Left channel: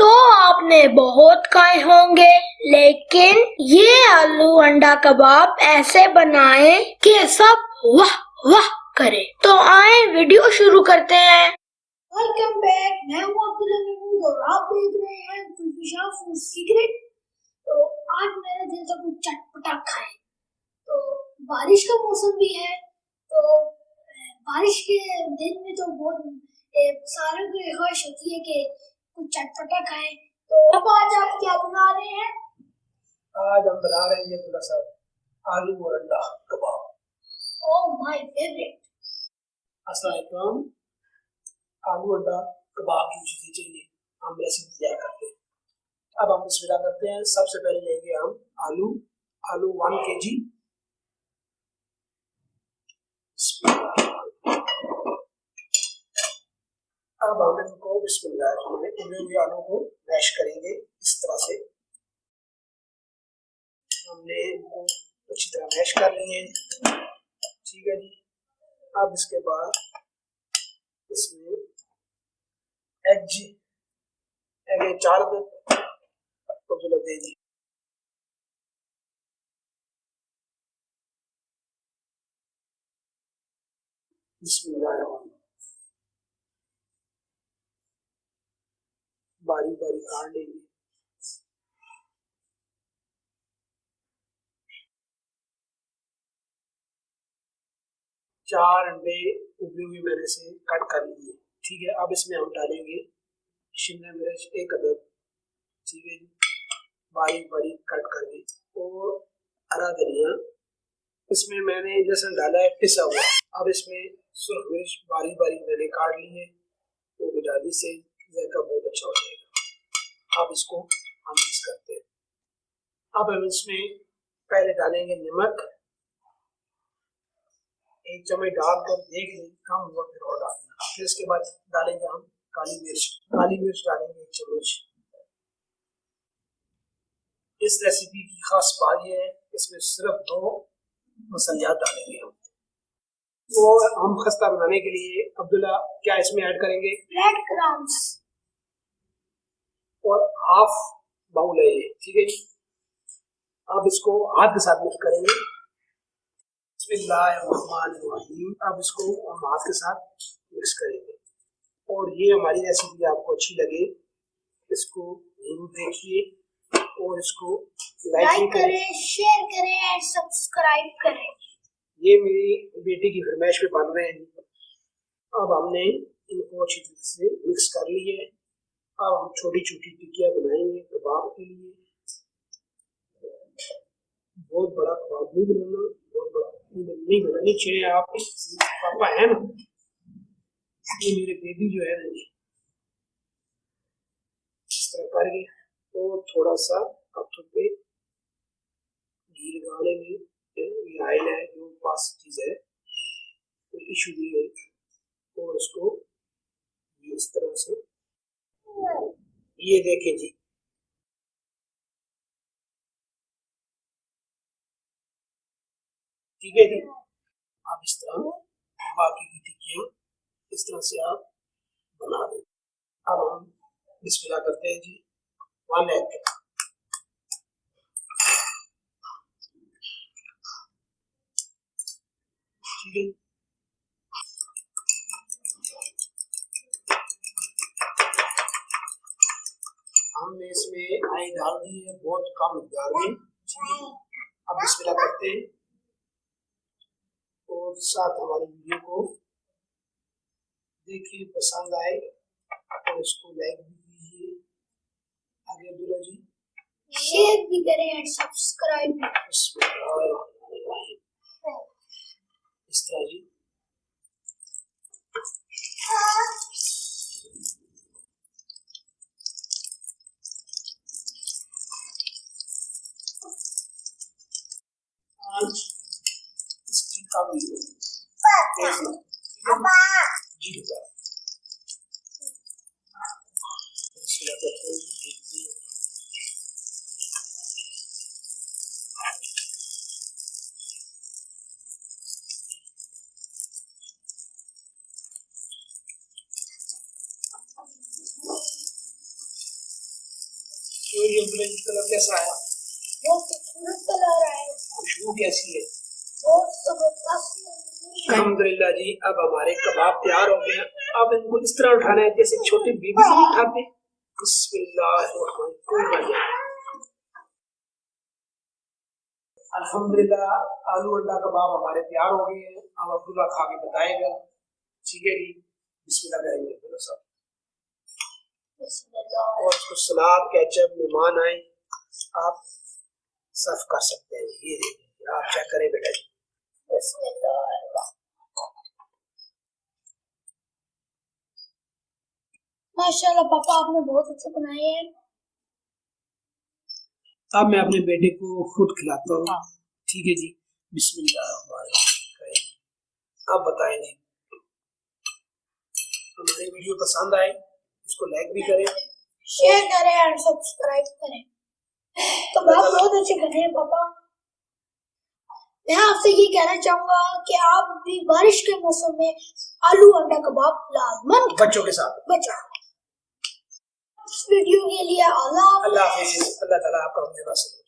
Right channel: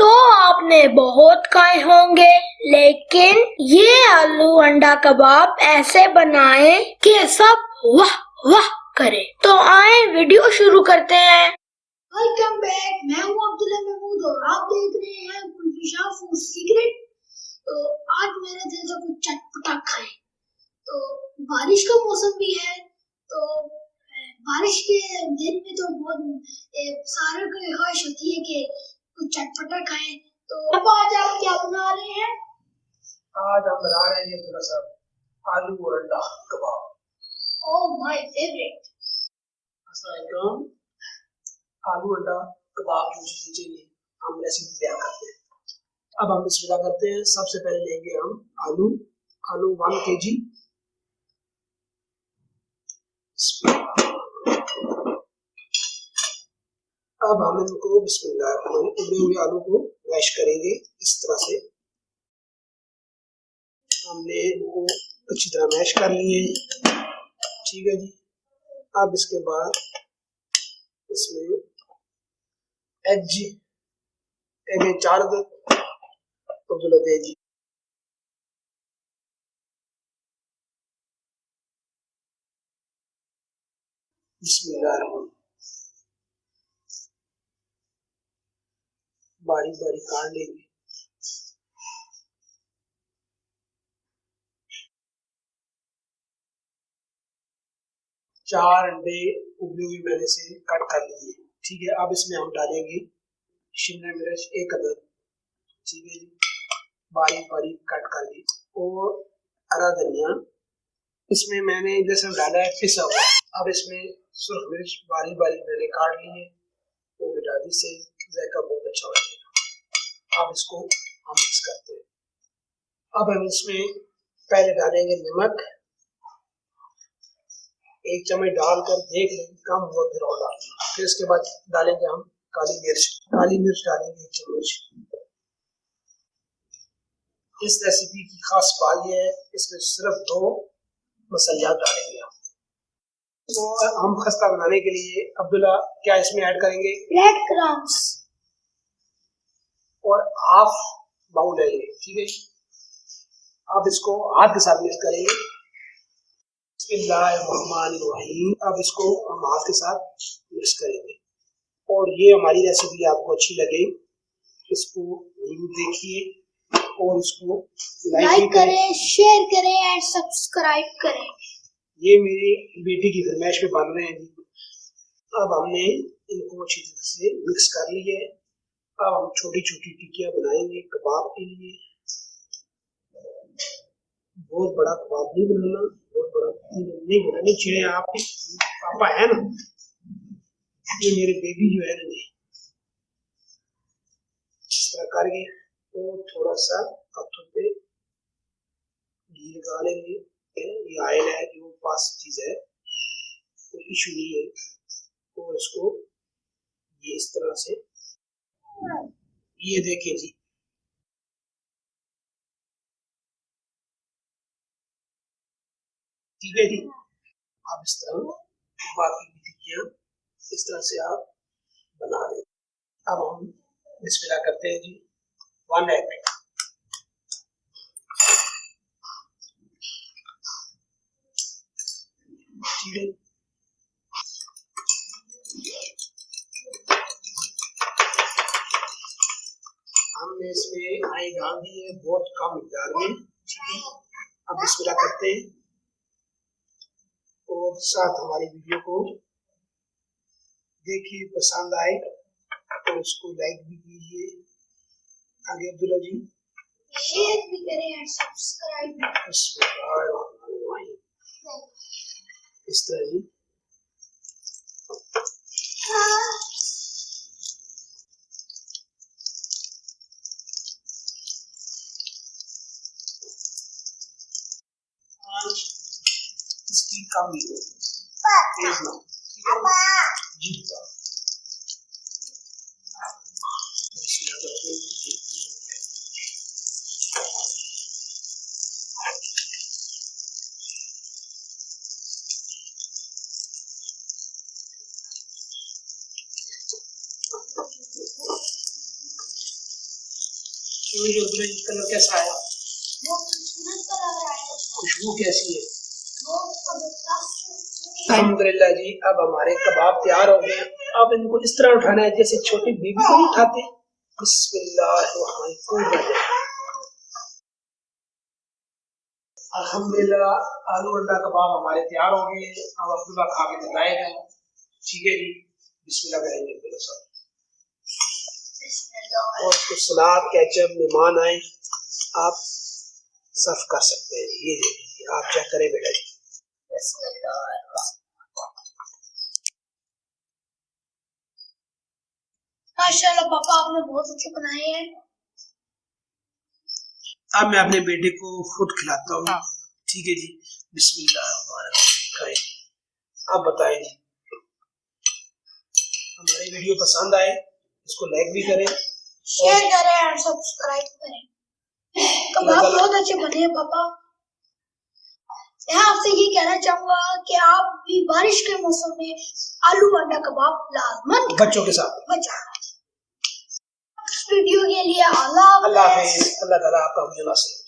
तो आपने बहुत खाए होंगे, लेकिन ये आलू अंडा कबाब ऐसे बनाए कि सब वाह वाह करे। तो आए वीडियो शुरू करते हैं। वेलकम बैक, मैं हूँ अब्दुल्ला महमूद और आप देख रहे हैं कुलफिशा फूड सीक्रेट। तो आज मेरा दिल था कुछ चटपटा खाए। तो बारिश का मौसम भी है, तो बारिश के दिन में तो बहुत सारों की ख्वाहिश होती है कि कुछ चटपटा खाएं। तो अब आज आप क्या बना रहे हैं? आज हम बना रहे हैं थोड़ा सा आलू और अंडा कबाब। Oh my favourite. अस्सलाम वालेकुम। आलू अंडा कबाब जो चीजें चाहिए हम रेसिपी तैयार करते हैं। अब हम बिस्मिल्लाह करते हैं। सबसे पहले लेंगे हम आलू 1 kg। अब हम इनको बिस्मिल्लाह उबले हुए आलू को मैश करेंगे इस तरह से। हमने इनको अच्छी तरह मैश कर लिए, ठीक है जी। अब इसके बाद इसमें एग 4 दे जी। बिस्मिल्लाह बारीक बारीक काट लेंगे। चार अंडे उबले हुए मैंने से कट कर लिए, ठीक है। अब इसमें हम डालेंगे शिमला मिर्च 1 अदद, ठीक है जी, बारीक बारीक कट करके, और हरा धनिया। इसमें मैंने लहसुन डाला है पिसा हुआ। अब इसमें सुर्ख मिर्च बारीक बारीक मैंने काट ली है, वो भी डाली से जायका बहुत अच्छा हो जाएगा। अब इसको हम मिक्स करते हैं। अब हम इसमें पहले डालेंगे नमक, 1 चम्मच डालकर देख लेंगे कम हुआ फिर और डालेंगे। फिर इसके बाद डालेंगे हम काली मिर्च डालेंगे 1 चम्मच। इस रेसिपी की खास बात यह है, इसमें सिर्फ 2 मसालियात डालेंगे हम। तो हम खस्ता बनाने के लिए अब्दुल्ला क्या इसमें ऐड करेंगे? ब्रेड क्रम्स और हाफ बाउल है ये, ठीक है। अब इसको हाथ के साथ मिक्स करेंगे। बिस्मिल्लाहिर्रहमानिर्रहीम। अब इसको हम हाथ के साथ मिक्स करेंगे। और ये हमारी रेसिपी आपको अच्छी लगे, इसको जरूर देखिए और इसको लाइक करें, शेयर करें और सब्सक्राइब करें। ये मेरी बेटी की फरमाइश पे बन रहे हैं जी। अब हमने इनको अच्छी तरह से मिक्स कर लिए। अब हम छोटी छोटी टिक्कियां बनाएंगे कबाब के लिए। बहुत बड़ा कबाब नहीं बनाना, बहुत बड़ा नहीं बनानी। छिड़े आप पापा है ना, ये मेरे बेबी जो है ना जी, इस तरह करके तो थोड़ा सा हाथों पे घी लगा लेंगे। ये ऑयल है जो पास चीज है, कोई इशू नहीं है। और इसको ये इस तरह से, ये देखें जी, ठीक है जी। आप इस तरह बाकी की टिक्कियां इस तरह से आप बना लें। अब हम बिस्मिल्लाह करते हैं जी। 1 एग, ठीक है। हमने इसमें आई डाल दी है बहुत कम मिकदार में, ठीक है। अब बिस्मिल्लाह करते हैं और साथ हमारी वीडियो को देखिए, पसंद आए तो इसको लाइक भी कीजिए। आगे अब्दुल्ला जी शेयर भी करें और सब्सक्राइब भी। इस तरह जी। आज इसकी कम ही हो, तेज ना, ठीक है जी। बता तो ये अब्दुल्ला जी कलर कैसा आया? बहुत खूबसूरत कलर आया, खुशबू कैसी है? बहुत जबरदस्त। अल्हम्दुलिल्लाह जी, अब हमारे कबाब तैयार हो गए। अब इनको इस तरह उठाना है जैसे छोटी बेबी को उठाते। बिस्मिल्लाह। अल्हम्दुलिल्लाह आलू अंडा कबाब हमारे तैयार हो गए हैं। अब अब्दुल्ला खा के बताएगा। ठीक है जी, बिस्मिल्लाह करेंगे अब्दुल्ला साहब। और कुछ सलाद केचप मेहमान आए, आप सर्व कर सकते हैं। ये देखिए, आप चेक करें बेटा जी। माशाल्लाह पापा, आपने बहुत अच्छे बनाए हैं। अब मैं अपने बेटे को खुद खिलाता हूँ। ठीक है जी, बिस्मिल्लाह। आप बताएं जी, हमारी वीडियो पसंद आए इसको लाइक भी करें, शेयर करें और सब्सक्राइब करें। कबाब बहुत अच्छे बने हैं पापा। मैं आपसे ये कहना चाहूंगा कि आप भी बारिश के मौसम में आलू अंडा कबाब लाजमन बच्चों के साथ। इस वीडियो के लिए अल्लाह हाफिज। अल्लाह ताला आपका हुजूर नसीब